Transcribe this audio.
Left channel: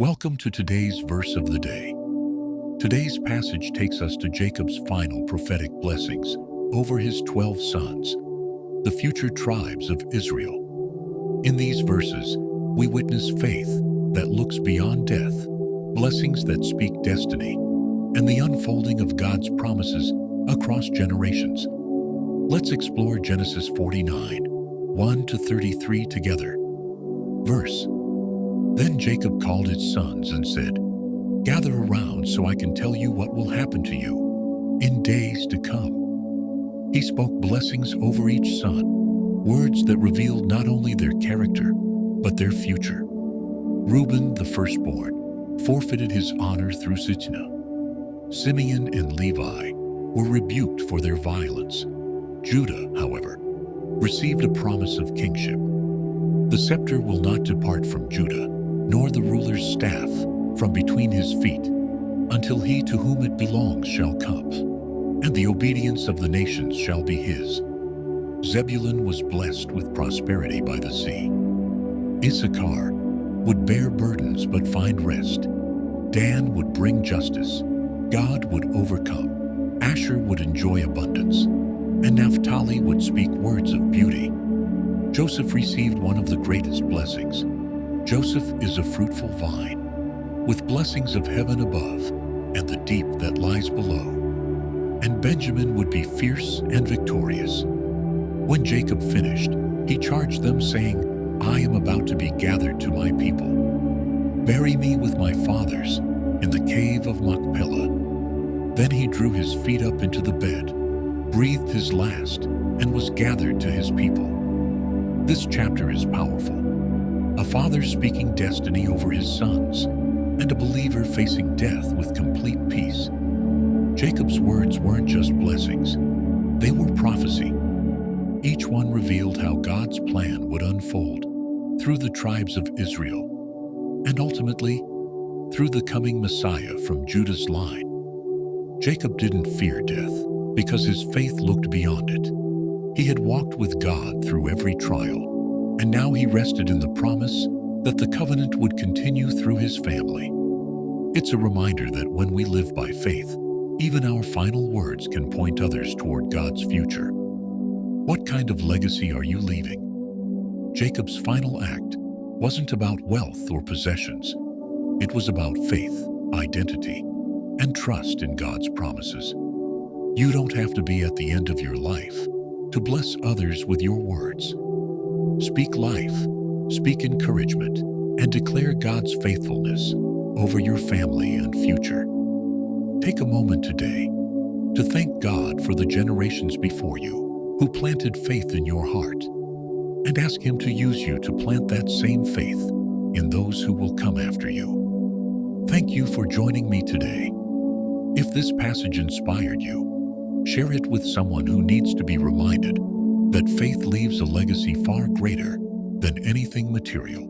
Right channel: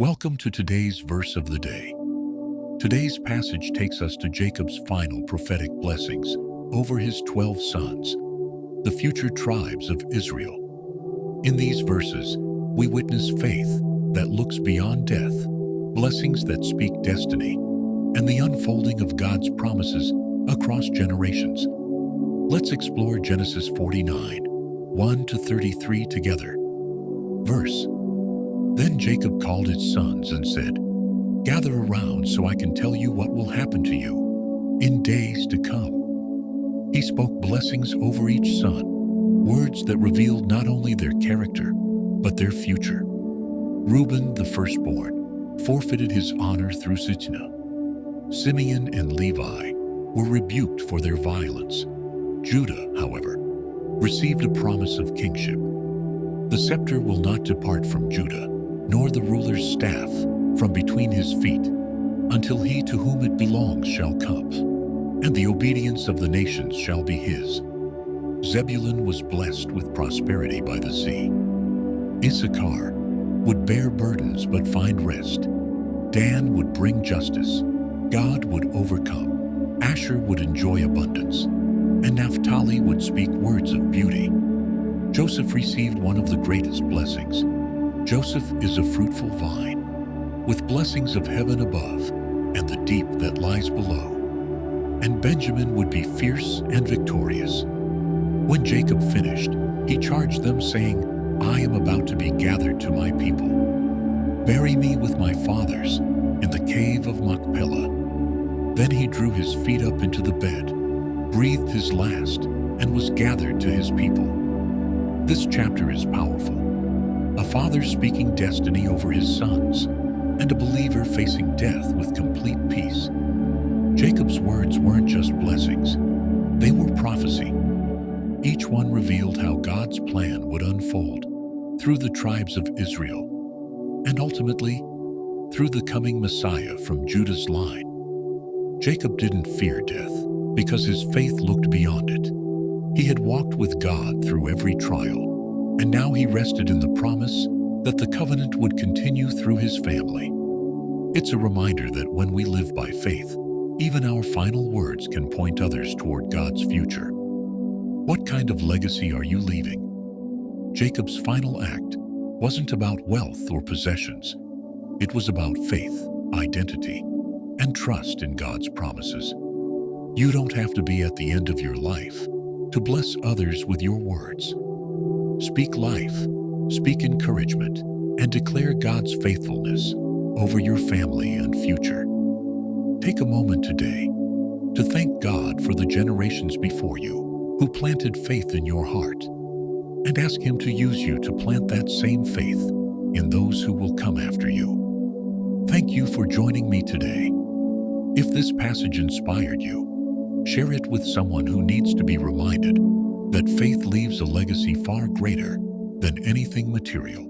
Welcome to today's verse of the day. Today's passage takes us to Jacob's final prophetic blessings over his 12 sons, the future tribes of Israel. In these verses, we witness faith that looks beyond death, blessings that speak destiny, and the unfolding of God's promises across generations. Let's explore Genesis 49, 1-33 together. Verse: Then Jacob called his sons and said, "Gather around so I can tell you what will happen to you in days to come." He spoke blessings over each son, words that revealed not only their character, but their future. Reuben, the firstborn, forfeited his honor through Sitnah. Simeon and Levi were rebuked for their violence. Judah, however, received a promise of kingship. The scepter will not depart from Judah, nor the ruler's staff from between his feet, until he to whom it belongs shall come, and the obedience of the nations shall be his. Zebulun was blessed with prosperity by the sea. Issachar would bear burdens but find rest. Dan would bring justice. God would overcome. Asher would enjoy abundance, and Naphtali would speak words of beauty. Joseph received one of the greatest blessings. Joseph is a fruitful vine, with blessings of heaven above and the deep that lies below. And Benjamin would be fierce and victorious. When Jacob finished, he charged them, saying, "I am about to be gathered to my people. Bury me with my fathers in the cave of Machpelah." Then he drew his feet up into the bed, breathed his last, and was gathered to his people. This chapter is powerful. A father speaking destiny over his sons, and a believer facing death with complete peace. Jacob's words weren't just blessings, they were prophecy. Each one revealed how God's plan would unfold through the tribes of Israel, and ultimately, through the coming Messiah from Judah's line. Jacob didn't fear death because his faith looked beyond it. He had walked with God through every trial, and now he rested in the promise that the covenant would continue through his family. It's a reminder that when we live by faith, even our final words can point others toward God's future. What kind of legacy are you leaving? Jacob's final act wasn't about wealth or possessions. It was about faith, identity, and trust in God's promises. You don't have to be at the end of your life to bless others with your words. Speak life, speak encouragement, and declare God's faithfulness over your family and future. Take a moment today to thank God for the generations before you who planted faith in your heart, and ask Him to use you to plant that same faith in those who will come after you. Thank you for joining me today. If this passage inspired you, share it with someone who needs to be reminded that faith leaves a legacy far greater than anything material.